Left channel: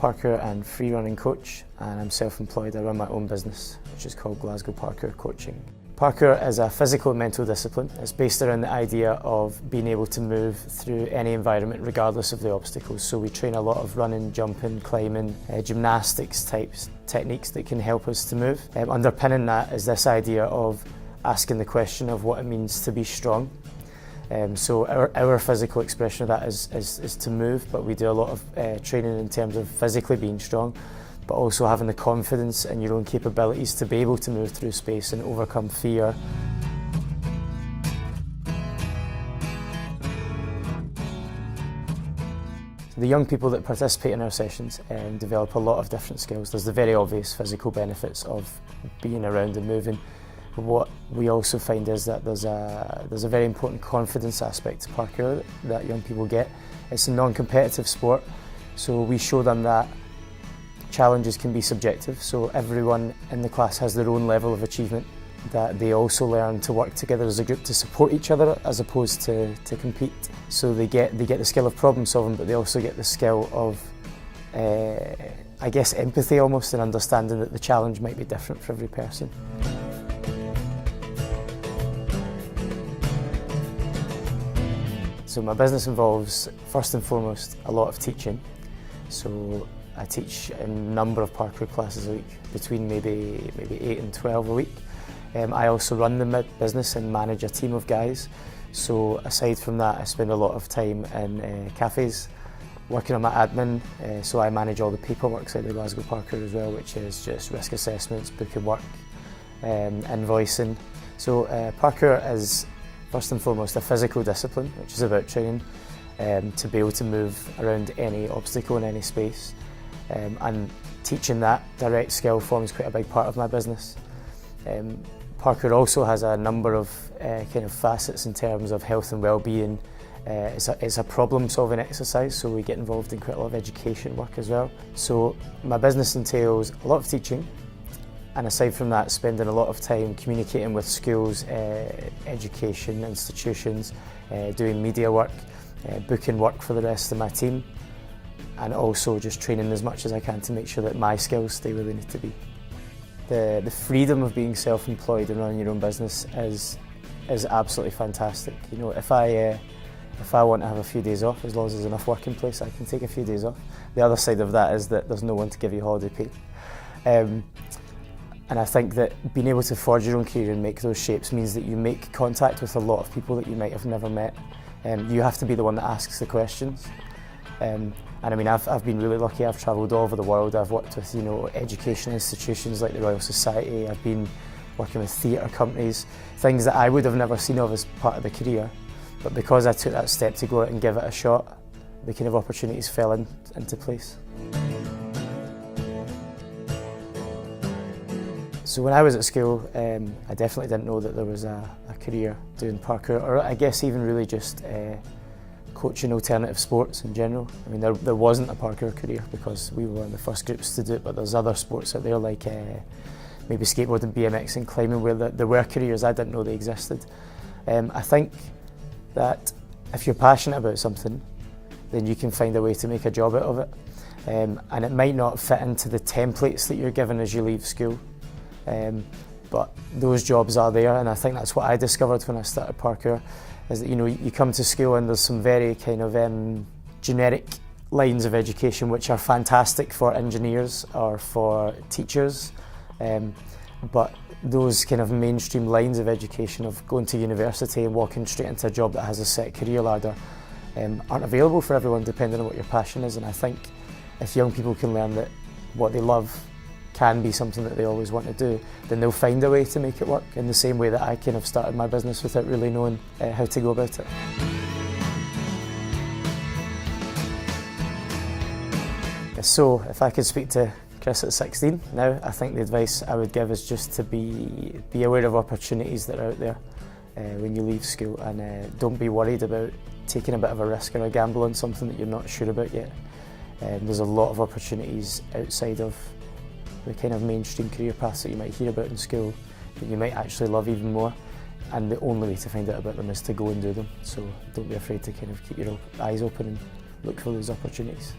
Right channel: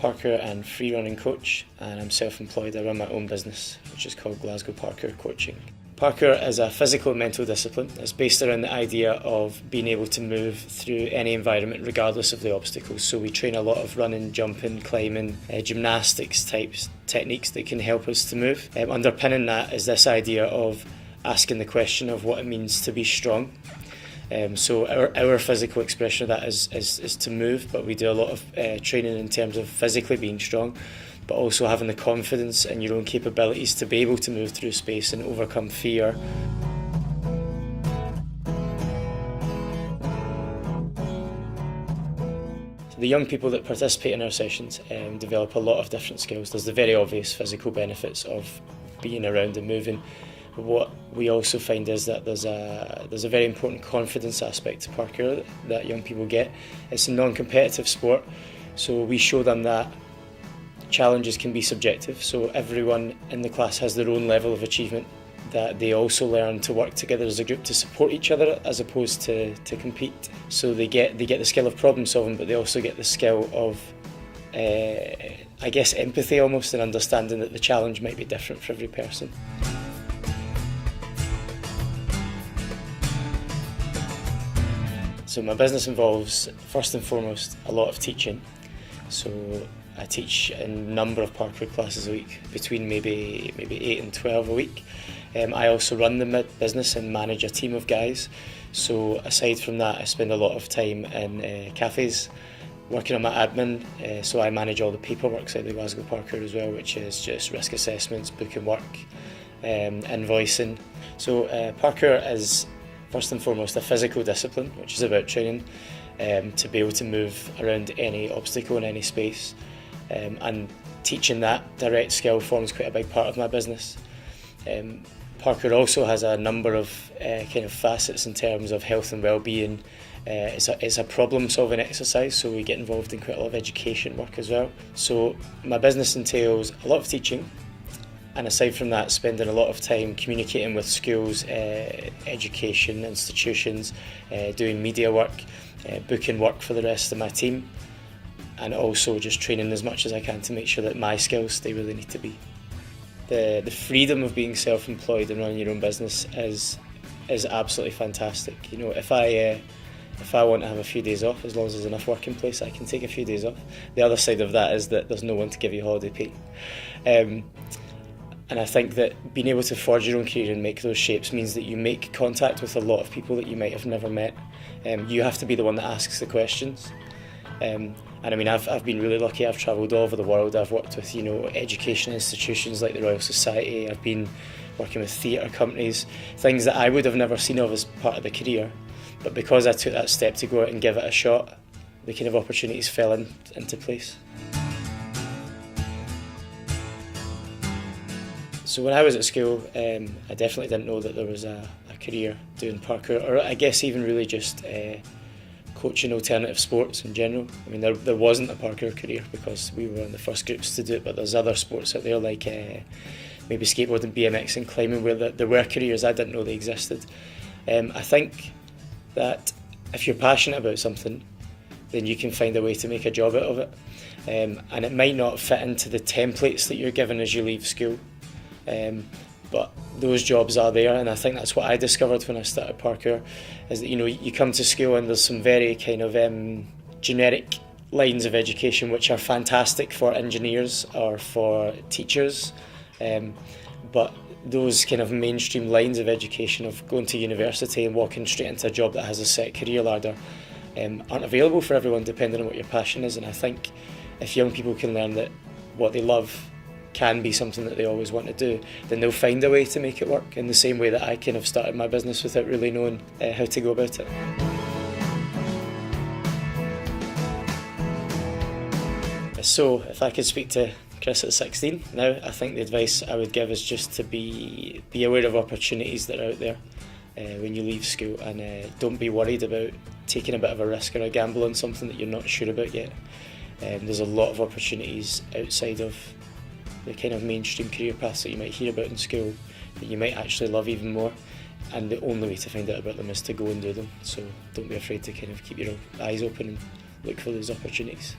parkour and free running coach, and I'm self-employed. I run my own business, which is called Glasgow Parkour Coaching. Parkour is a physical and mental discipline. It's based around the idea of being able to move through any environment regardless of the obstacles. So we train a lot of running, jumping, climbing, gymnastics types techniques that can help us to move. Underpinning that is this idea of asking the question of what it means to be strong. So our physical expression of that is to move, but we do a lot of training in terms of physically being strong, but also having the confidence in your own capabilities to be able to move through space and overcome fear. The young people that participate in our sessions develop a lot of different skills. There's the very obvious physical benefits of being around and moving. But what we also find is that there's a very important confidence aspect to parkour that young people get. It's a non-competitive sport, so we show them that challenges can be subjective, so everyone in the class has their own level of achievement, that they also learn to work together as a group to support each other as opposed to compete. So they get the skill of problem solving, but they also get the skill of I guess empathy almost, and understanding that the challenge might be different for every person. So my business involves, first and foremost, a lot of teaching. So I teach a number of parkour classes a week, between maybe 8 and 12 a week. I also run the business and manage a team of guys. So aside from that, I spend a lot of time in cafes, working on my admin. So I manage all the paperwork side of Glasgow Parkour as well, which is just risk assessments, booking work, invoicing. So parkour is first and foremost a physical discipline, which is about training to be able to move around any obstacle in any space. And teaching that direct skill forms quite a big part of my business. Parkour also has a number of kind of facets in terms of health and well-being. It's a problem-solving exercise, so we get involved in quite a lot of education work as well. So my business entails a lot of teaching, and aside from that, spending a lot of time communicating with schools, education institutions, doing media work, booking work for the rest of my team, and also just training as much as I can to make sure that my skills stay where they need to be. The freedom of being self-employed and running your own business is absolutely fantastic. You know, if I want to have a few days off, as long as there's enough work in place, I can take a few days off. The other side of that is that there's no one to give you holiday pay. And I think that being able to forge your own career and make those shapes means that you make contact with a lot of people that you might have never met. You have to be the one that asks the questions. And I mean, I've been really lucky. I've travelled all over the world. I've worked with, you know, education institutions like the Royal Society. I've been working with theatre companies, things that I would have never seen of as part of the career. But because I took that step to go out and give it a shot, the kind of opportunities fell into place. So when I was at school, I definitely didn't know that there was a career doing parkour, or I guess even really just coaching alternative sports in general. I mean, there wasn't a parkour career because we were one of the first groups to do it, but there's other sports out there like maybe skateboarding, BMX and climbing where there were careers. I didn't know they existed. I think that if you're passionate about something, then you can find a way to make a job out of it. And it might not fit into the templates that you're given as you leave school. But those jobs are there, and I think that's what I discovered when I started parkour, is that, you know, you come to school and there's some very kind of generic lines of education which are fantastic for engineers or for teachers, but those kind of mainstream lines of education of going to university and walking straight into a job that has a set career ladder aren't available for everyone, depending on what your passion is. And I think if young people can learn that what they love can be something that they always want to do, then they'll find a way to make it work, in the same way that I kind of started my business without really knowing how to go about it. So if I could speak to Chris at 16 now, I think the advice I would give is just to be aware of opportunities that are out there when you leave school, and don't be worried about taking a bit of a risk or a gamble on something that you're not sure about yet. There's a lot of opportunities outside of the kind of mainstream career paths that you might hear about in school that you might actually love even more, and the only way to find out about them is to go and do them. So don't be afraid to kind of keep your eyes open and look for those opportunities.